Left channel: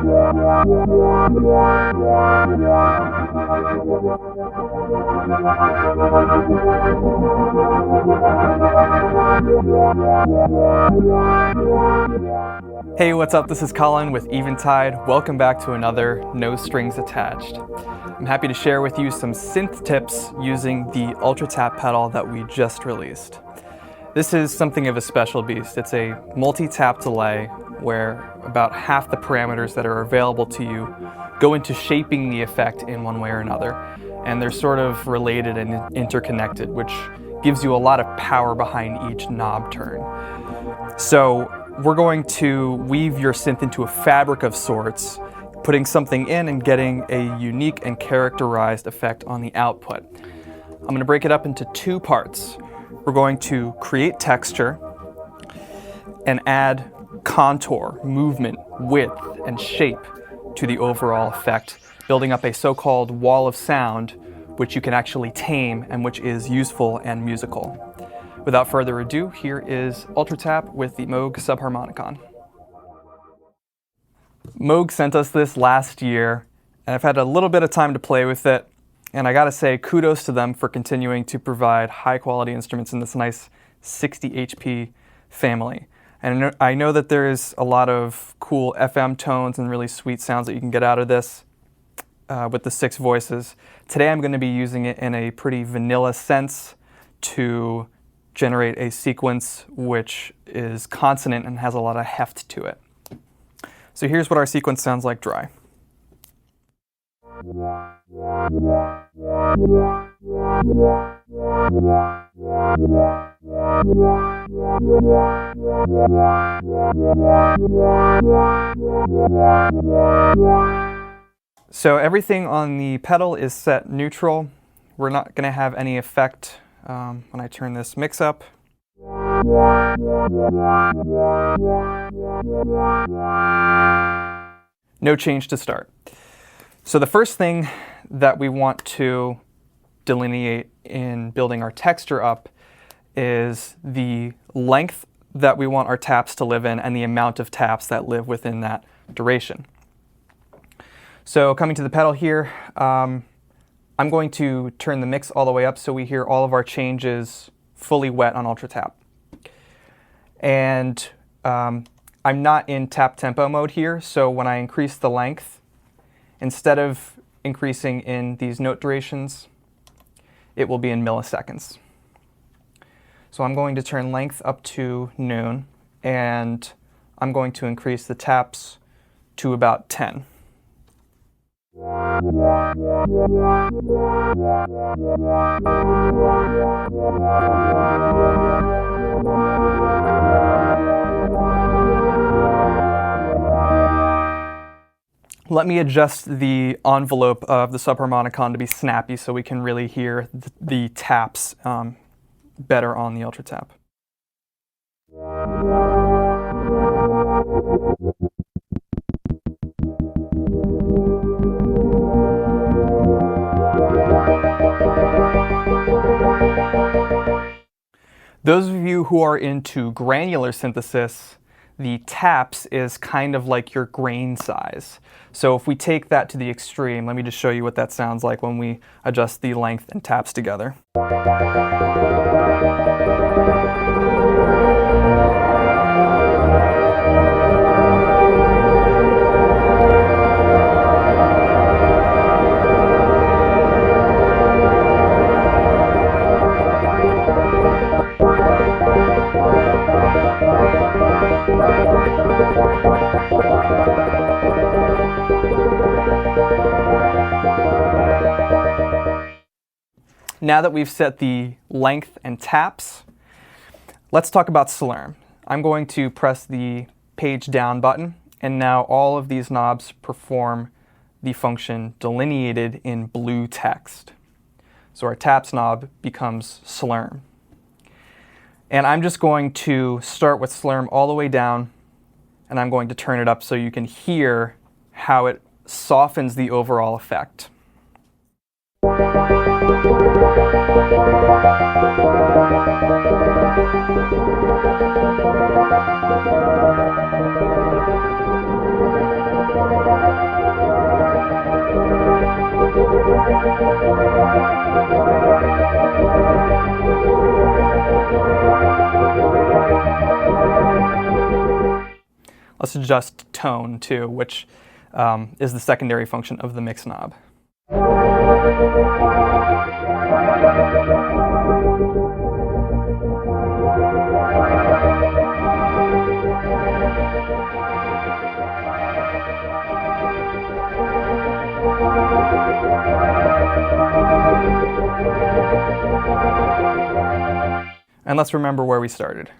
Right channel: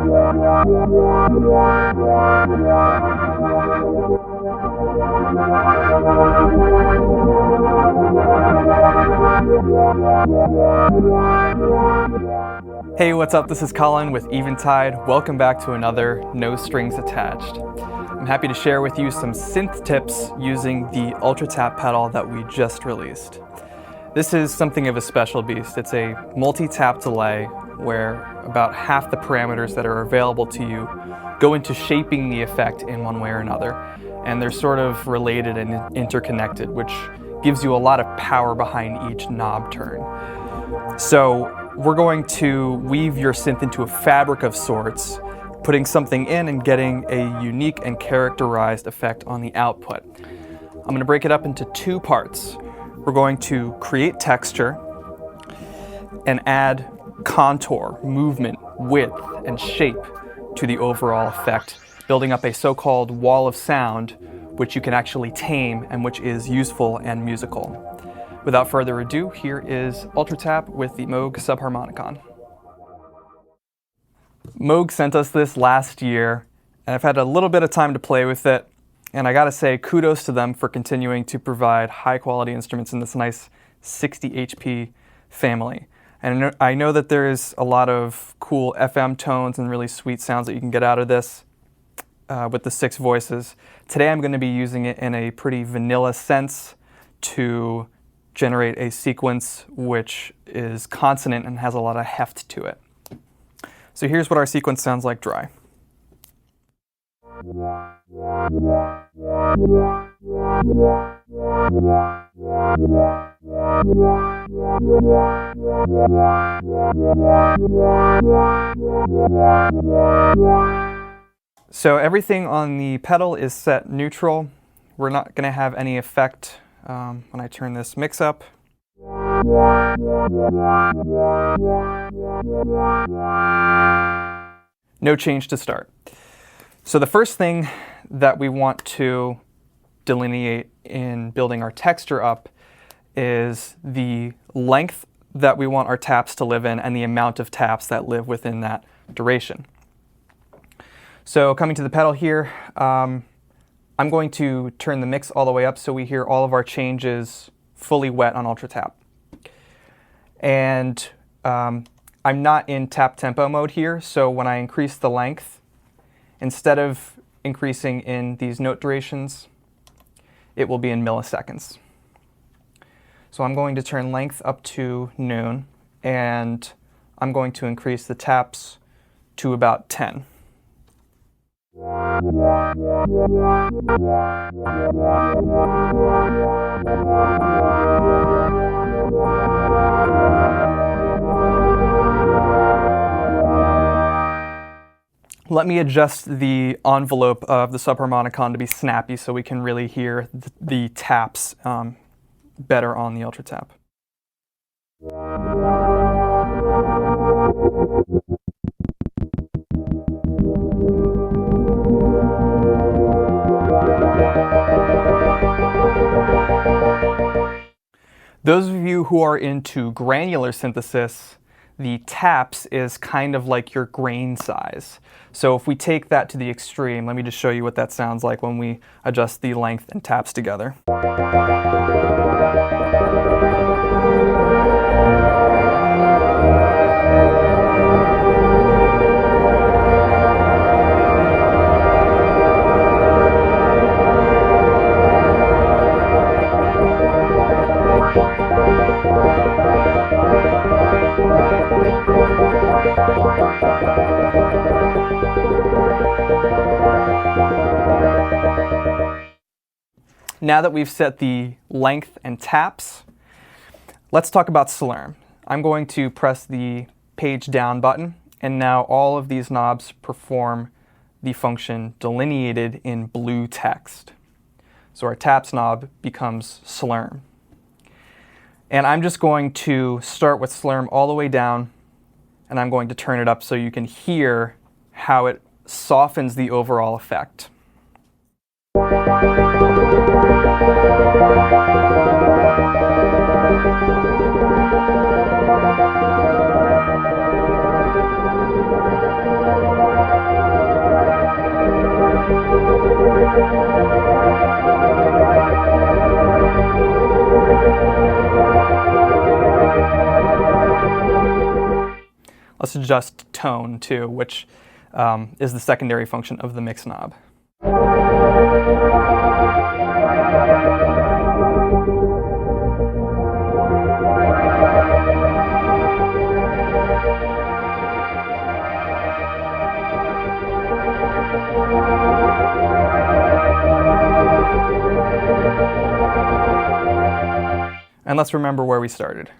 Hey, what's up? This is Colin with Eventide. Welcome back to another No Strings Attached. I'm happy to share with you some synth tips using the UltraTap pedal that we just released. This is something of a special beast. It's a multi-tap delay where about half the parameters that are available to you go into shaping the effect in one way or another. And they're sort of related and interconnected, which gives you a lot of power behind each knob turn. So we're going to weave your synth into a fabric of sorts, putting something in and getting a unique and characterized effect on the output. I'm going to break it up into two parts. We're going to create texture and add contour, movement, width, and shape to the overall effect, building up a so-called wall of sound which you can actually tame and which is useful and musical. Without further ado, here is UltraTap with the Moog Subharmonicon. Moog sent us this last year, and I've had a little bit of time to play with it, and I gotta say kudos to them for continuing to provide high-quality instruments in this nice 60 HP family. And I know that there's a lot of cool FM tones and really sweet sounds that you can get out of this with the 6 voices. Today I'm going to be using it in a pretty vanilla sense to generate a sequence which is consonant and has a lot of heft to it. So here's what our sequence sounds like dry. So everything on the pedal is set neutral. We're not going to have any effect when I turn this mix up. No change to start. So the first thing that we want to delineate in building our texture up is the length that we want our taps to live in and the amount of taps that live within that duration. So coming to the pedal here, I'm going to turn the mix all the way up so we hear all of our changes fully wet on UltraTap. And I'm not in tap tempo mode here, so when I increase the length, instead of increasing in these note durations, it will be in milliseconds. So I'm going to turn length up to noon, and I'm going to increase the taps to about 10. Let me adjust the envelope of the Subharmonicon to be snappy so we can really hear the taps better on the UltraTap. Those of you who are into granular synthesis, the taps is kind of like your grain size. So if we take that to the extreme, let me just show you what that sounds like when we adjust the length and taps together. Now that we've set the length and taps, let's talk about slurm. I'm going to press the page down button, and now all of these knobs perform the function delineated in blue text. So our taps knob becomes slurm. And I'm just going to start with slurm all the way down, and I'm going to turn it up so you can hear how it softens the overall effect. let's adjust tone too, which is the secondary function of the mix knob. And let's remember where we started.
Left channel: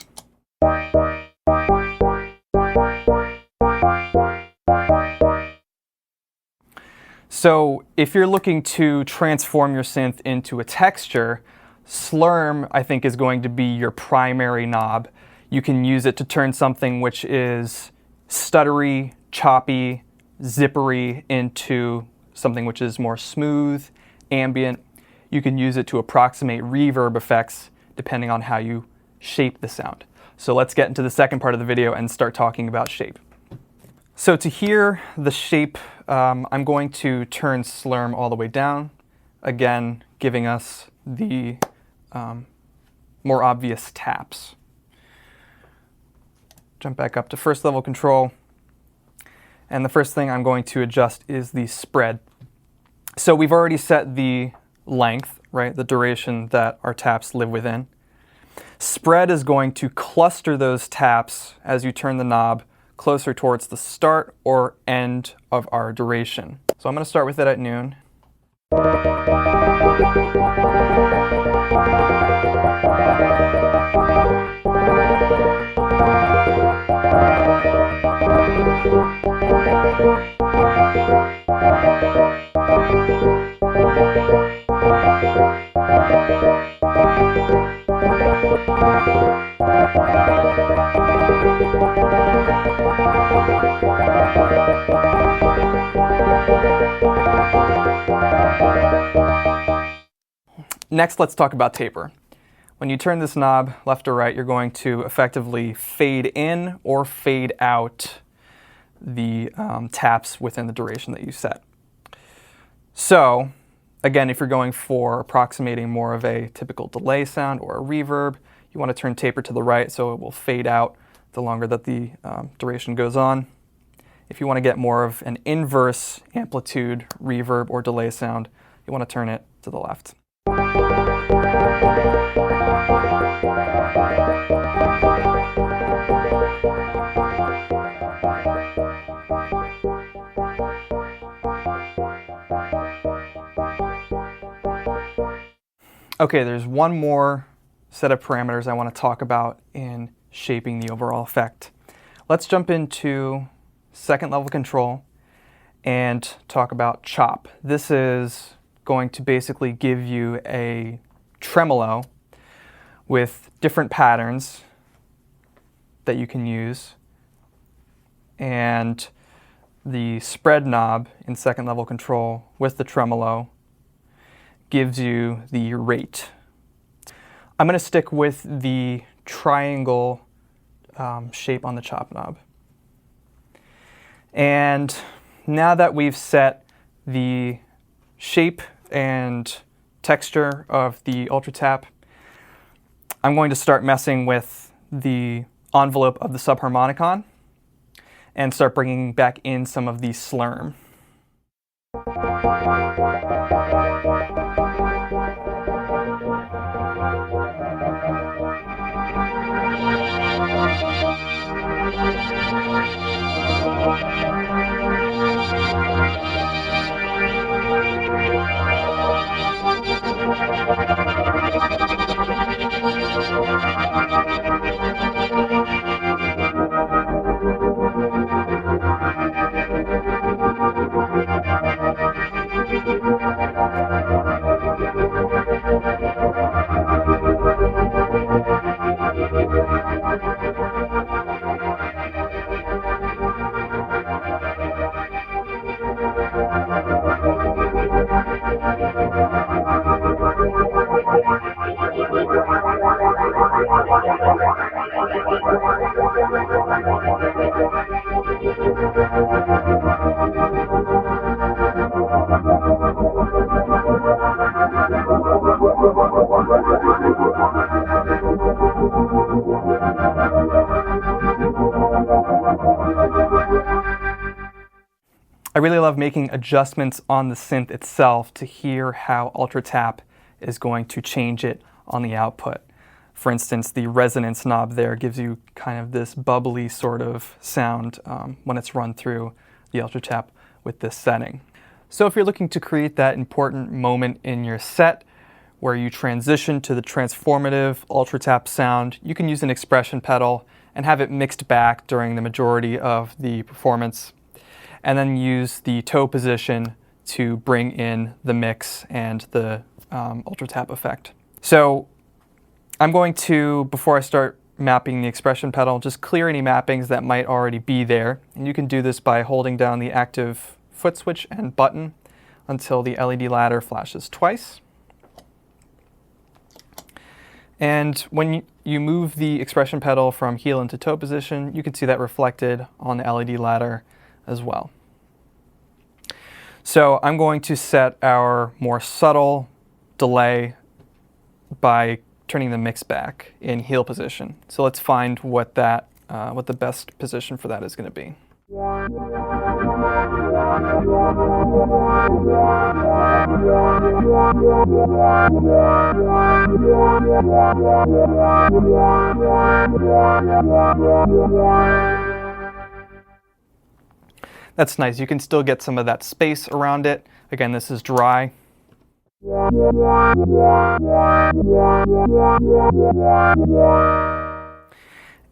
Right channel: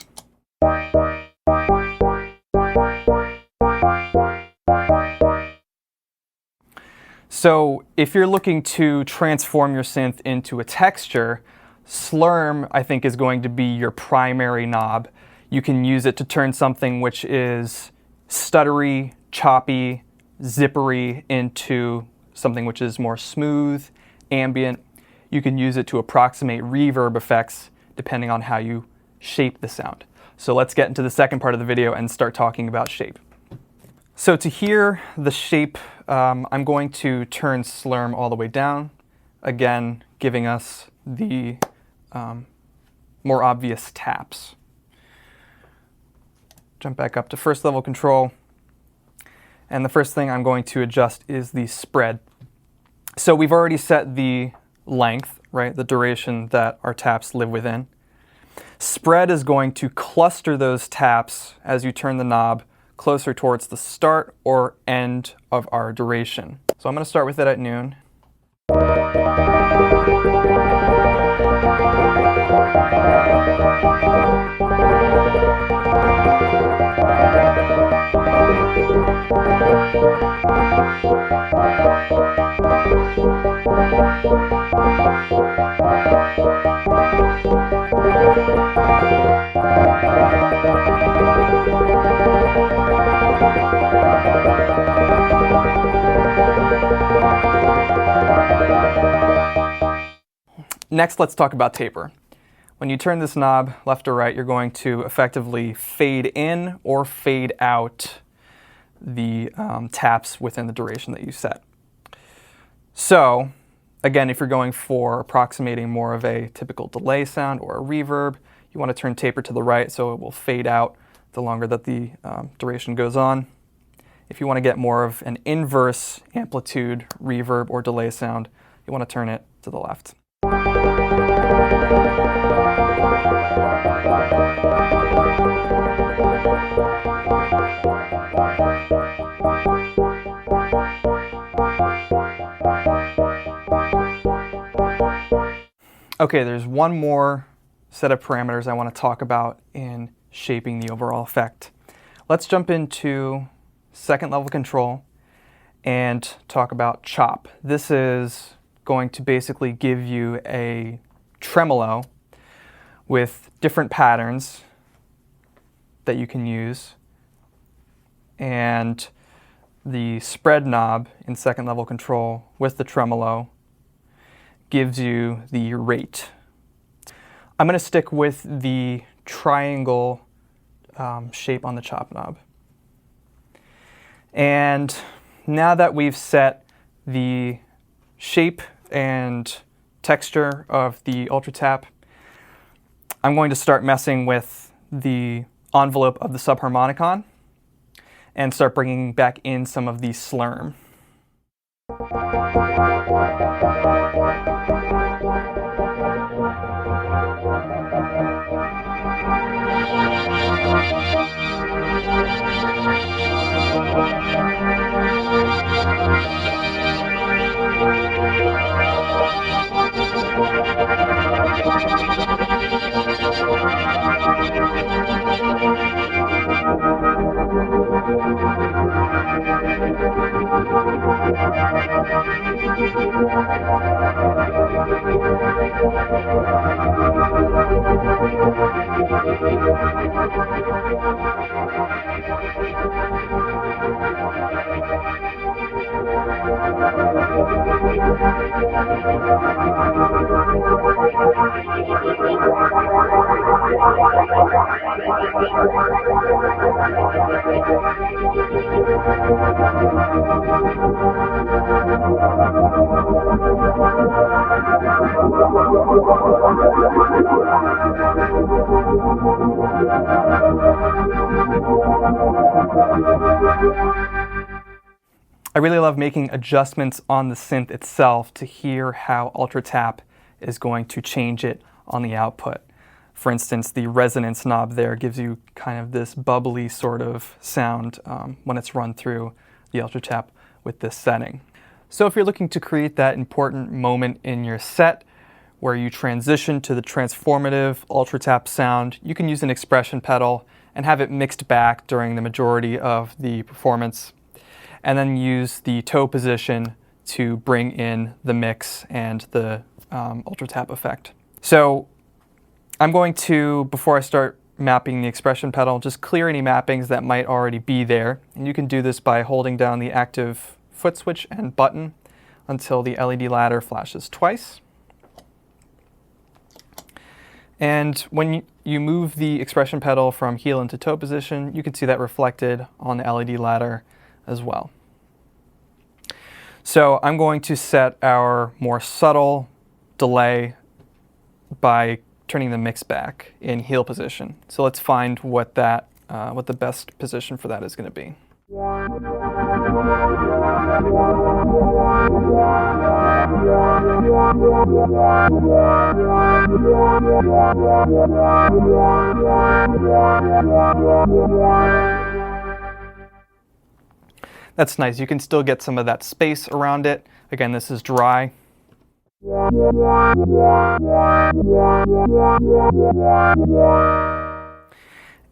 So if you're looking to transform your synth into a texture, slurm, I think, is going to be your primary knob. You can use it to turn something which is stuttery, choppy, zippery into something which is more smooth, ambient. You can use it to approximate reverb effects depending on how you shape the sound. So let's get into the second part of the video and start talking about shape. So to hear the shape, I'm going to turn slurm all the way down, again giving us the more obvious taps. Jump back up to first level control, and the first thing I'm going to adjust is the spread. So we've already set the length, right, the duration that our taps live within. Spread is going to cluster those taps as you turn the knob closer towards the start or end of our duration. So I'm going to start with it at noon. Next, let's talk about taper. When you turn this knob left or right, you're going to effectively fade in or fade out the taps within the duration that you set. So, again, if you're going for approximating more of a typical delay sound or a reverb, you want to turn taper to the right so it will fade out the longer that the duration goes on. If you want to get more of an inverse amplitude reverb or delay sound, you want to turn it to the left. Okay, there's one more set of parameters I want to talk about in shaping the overall effect. Let's jump into second level control and talk about chop. This is going to basically give you a tremolo with different patterns that you can use, and the spread knob in second level control with the tremolo gives you the rate. I'm going to stick with the triangle shape on the chop knob. And now that we've set the shape and texture of the UltraTap, I'm going to start messing with the envelope of the Subharmonicon and start bringing back in some of the slurm. really love making adjustments on the synth itself to hear how UltraTap is going to change it on the output. For instance, the resonance knob there gives you kind of this bubbly sort of sound when it's run through the UltraTap with this setting. So if you're looking to create that important moment in your set where you transition to the transformative UltraTap sound, you can use an expression pedal and have it mixed back during the majority of the performance, and then use the toe position to bring in the mix and the UltraTap effect. So I'm going to, before I start mapping the expression pedal, just clear any mappings that might already be there. And you can do this by holding down the active foot switch and button until the LED ladder flashes twice. And when you move the expression pedal from heel into toe position, you can see that reflected on the LED ladder as well. So I'm going to set our more subtle delay by turning the mix back in heel position. So let's find what the best position for that is going to be. That's nice. You can still get some of that space around it. Again, this is dry.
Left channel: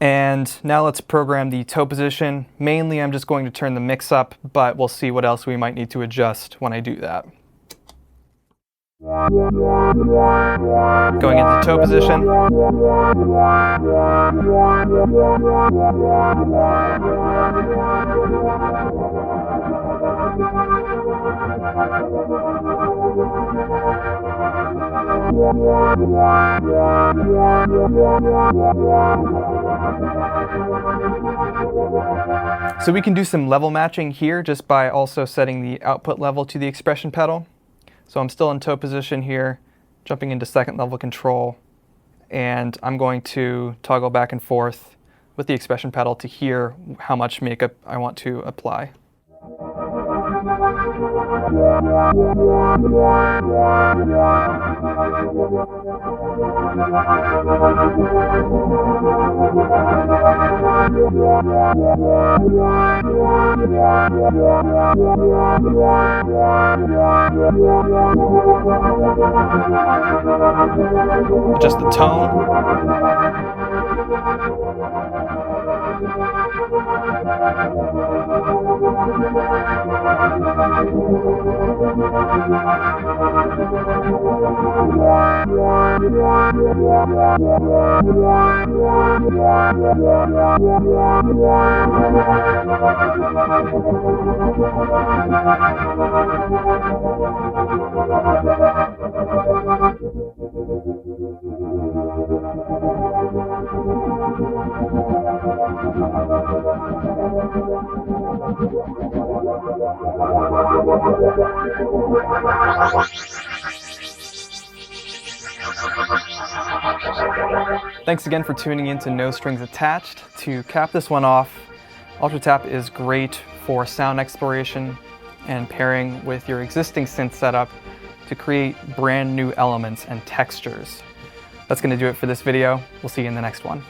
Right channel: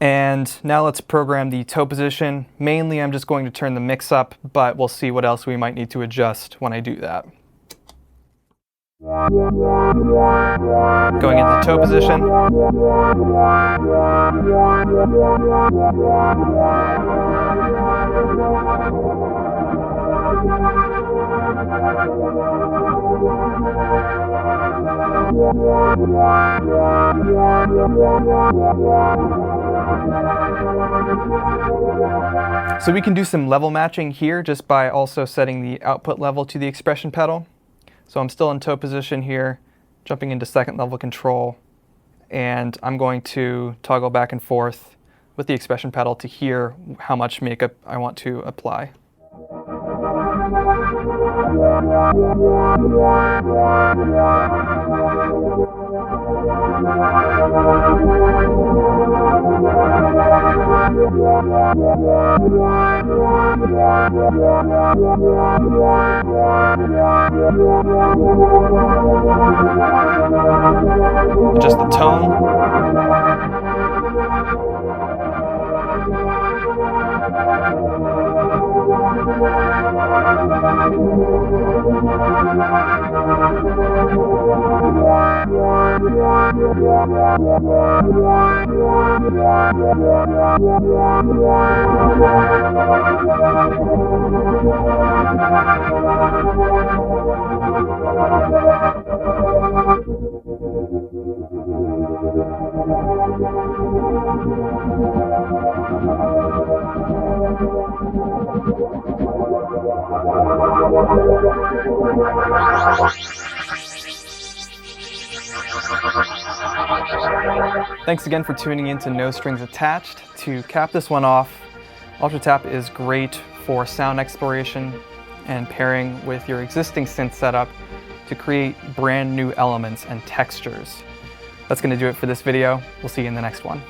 And now let's program the toe position. Mainly I'm just going to turn the mix up, but we'll see what else we might need to adjust when I do that. Going into toe position. So we can do some level matching here just by also setting the output level to the expression pedal. So I'm still in toe position here, jumping into second level control, and I'm going to toggle back and forth with the expression pedal to hear how much makeup I want to apply. Adjust the tone. Thanks again for tuning in to No Strings Attached. To cap this one off, UltraTap is great for sound exploration and pairing with your existing synth setup to create brand new elements and textures. That's going to do it for this video. We'll see you in the next one.